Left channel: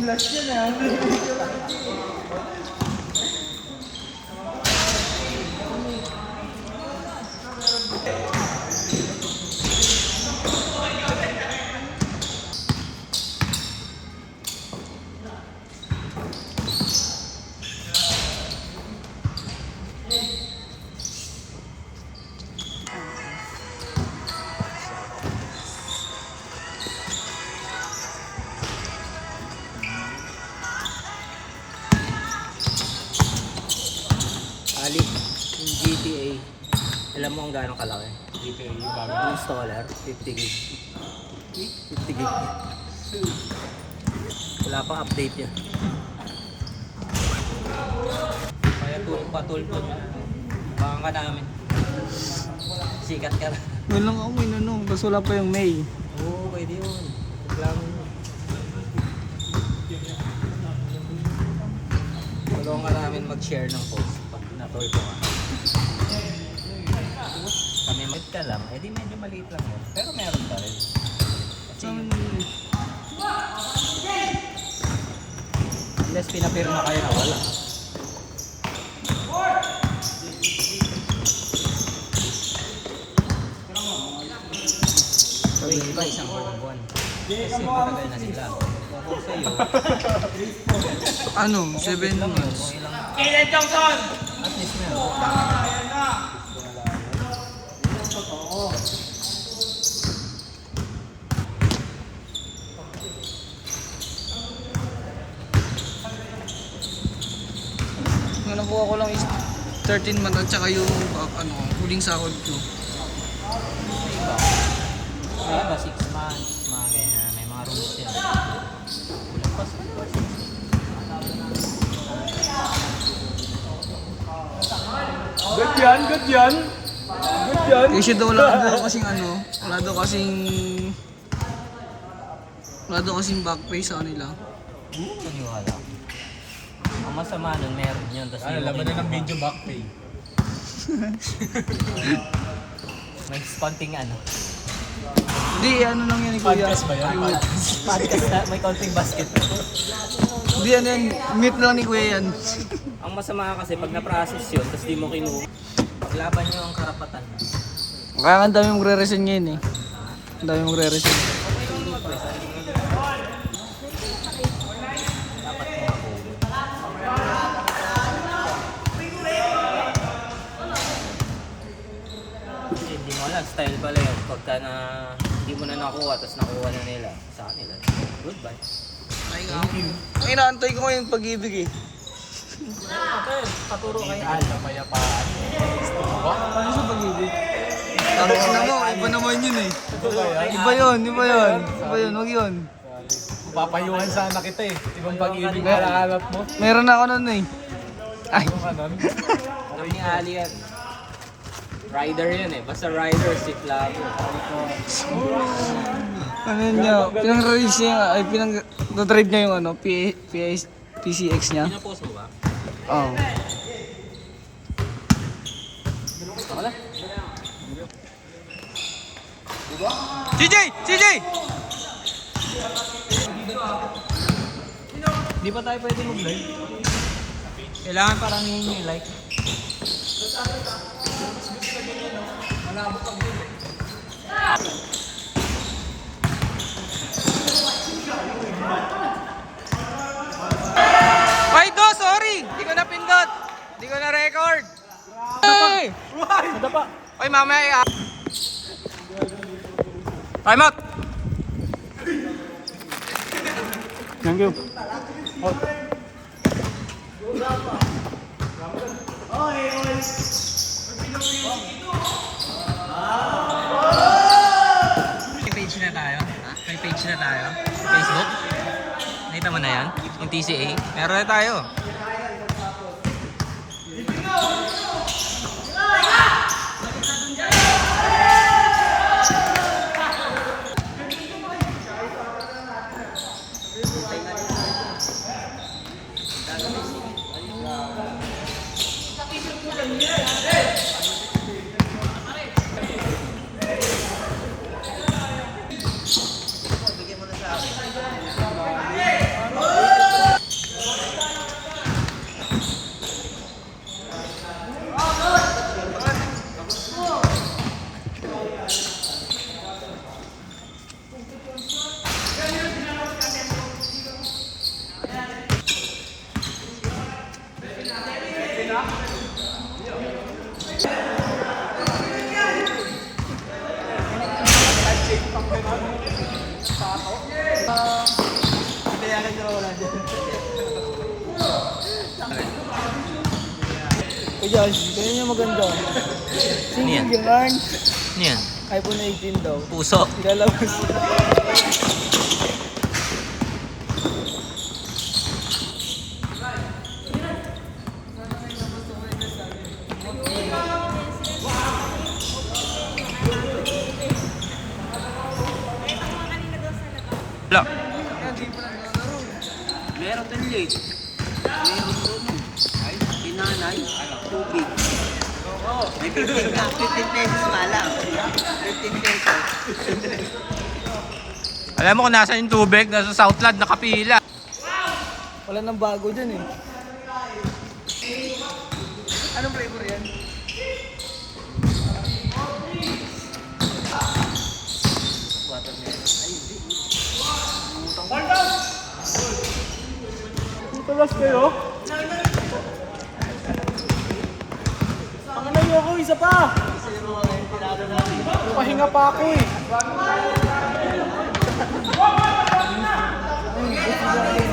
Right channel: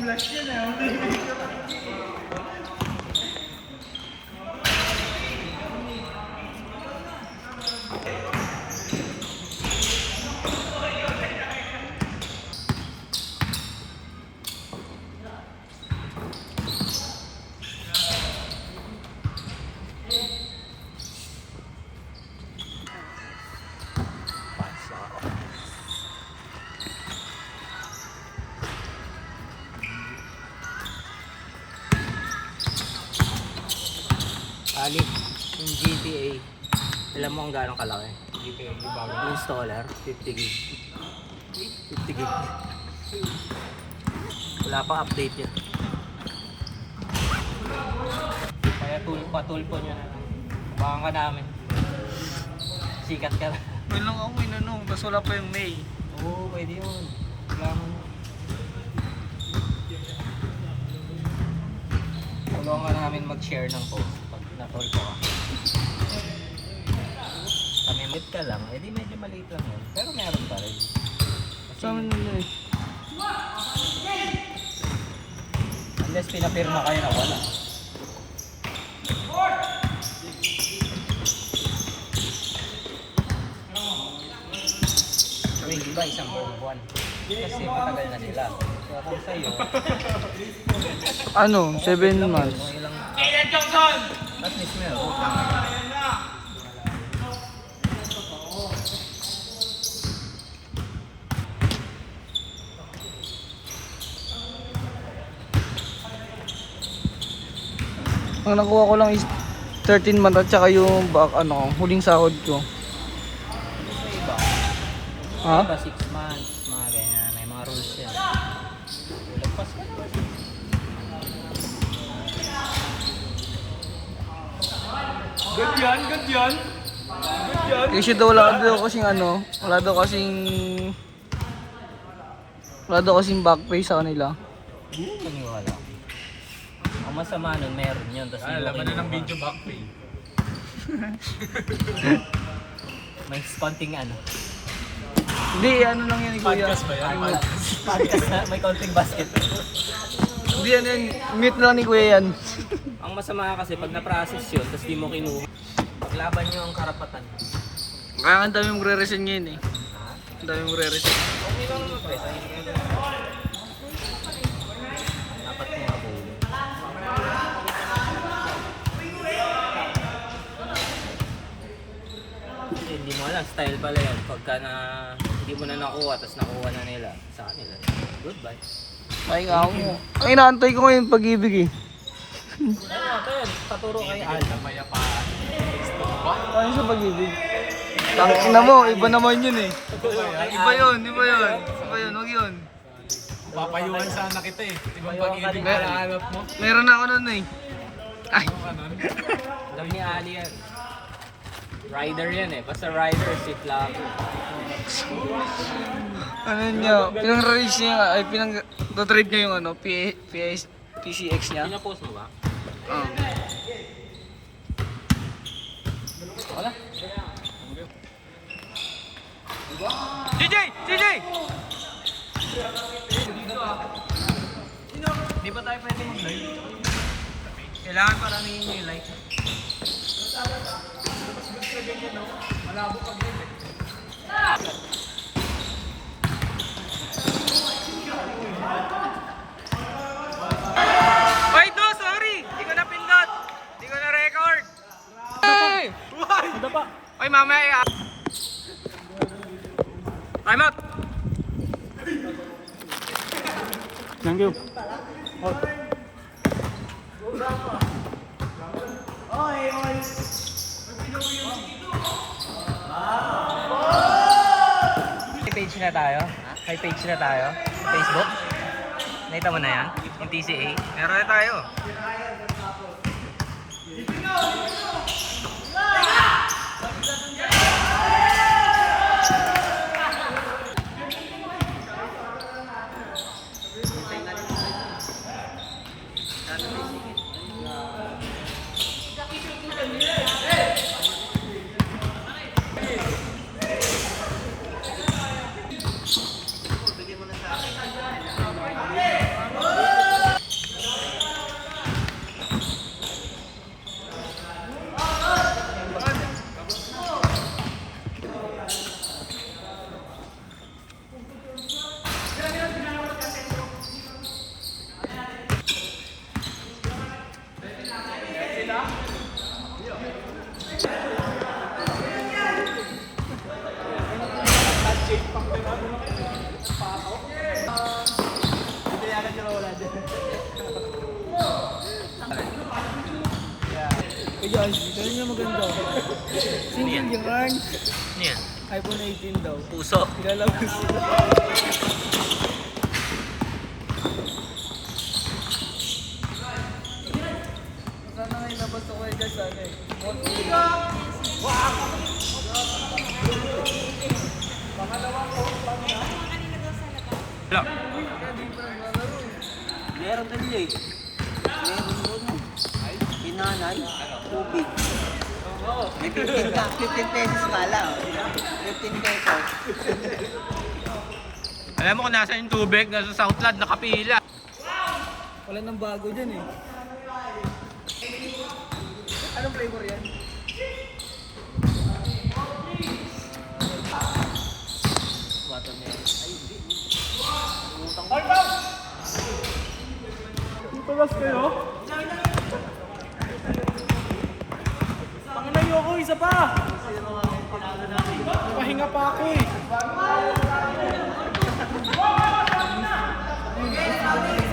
gilas yan eh. Alip, yung GTA. Alam mo kung gaano kalaki? GTA, yung installer, 50 gig. 50 gig. Wala pang update yun. Kaya patulpon. Makang ka namin. Sikat ka na. Yun lang ako may ano, basta wala pa yung May. Oo, pwede yun. Reklamo yun. Tulungan ka namin mag-share ng post pag natulpo ka. Mamimit ka lang, eh di medyo maliit lang yun. Pero meron pa rin. Kasi Sa amin yun eh. unless pinapirma kayo na wala. Wait, di ba isang buwan? Kasi patagal na sila. Kaya kung sa'yo, Ano, 7 months. at least meron. Ang nakuha ko lang is 13 months at saka yung back, ano, huling sahod ko. Sa iba, Ha? iba 6 months, mga ganyan. May mga rules yan. Lagpas. Good yan, good yan. Good yan. Kasi daw wala daw kasing back pay sa kanila. Paniwala. Ang masama nun, meron yun. Tapos Ano hindi mo lang kinuha. ng video back pay. May konting ano. Hindi, ano lang yan ni Kuya. Podcast ba yan? Podcast na may konting basket. Hindi, ano yan, meet lang ni Kuya yan. Ang masama kasi pag na-process yun, tapos di mo kinuha. Laban nyo ang karapatan. Kaya nga ang dami mong re-resign ngayon eh. Ang dami mong re-resign. Dapat mo mabulo. Kasi hindi mo alam, style pala yun. Pagka na hindi mo na nakuha, tapos nakuha na nila sa kanila. Goodbye. Ay nga ako. Ay, inaantay ko ngayon pag-ibig eh. Ito, paturo kay Al. Ano sa pag-ibig? Tangis na mo, iba naman yun eh. Iba yun. Huwag yun. Papayuhan sana kita eh. Ibang pag-ibig palahanap mo. Meron na ako nun eh. Ay, Ano? Alam ni Ali yan. Rider yan eh. Basta rider, si Flaco. ano niya, pinang-release niya, ay pinang-trade niya yung ano, PCX niya. Pinapost mo ba? Oo. Wala. CJ! CJ! Di ba tayo pwede mag-live? Kailangan parang yung like. Wait, no, sorry! Hindi ko na pindot. Hindi ko na record. Hey! Nadapa. Oy, mamaya time out! Thank you. May page na tayo. May page na tayo. Facebook. Nakita mo na yan? Yung TCA. Meron na tayo. Josh, ganyan yung maganda. Single yung earn. Ano yan? iPhone 18 daw. Puso. Ilalabas. Wala. Meron din eh. Meron doon. Kinanay, tubig. May 15 pesos pa lang. 15 pesos. Alam mo kung nasa yung tubig, nasa Southland, nakapila. Wala nang bago dyan eh. Tulas kayo? Pangalayo ko, isa pa! Pahinga pa ako eh.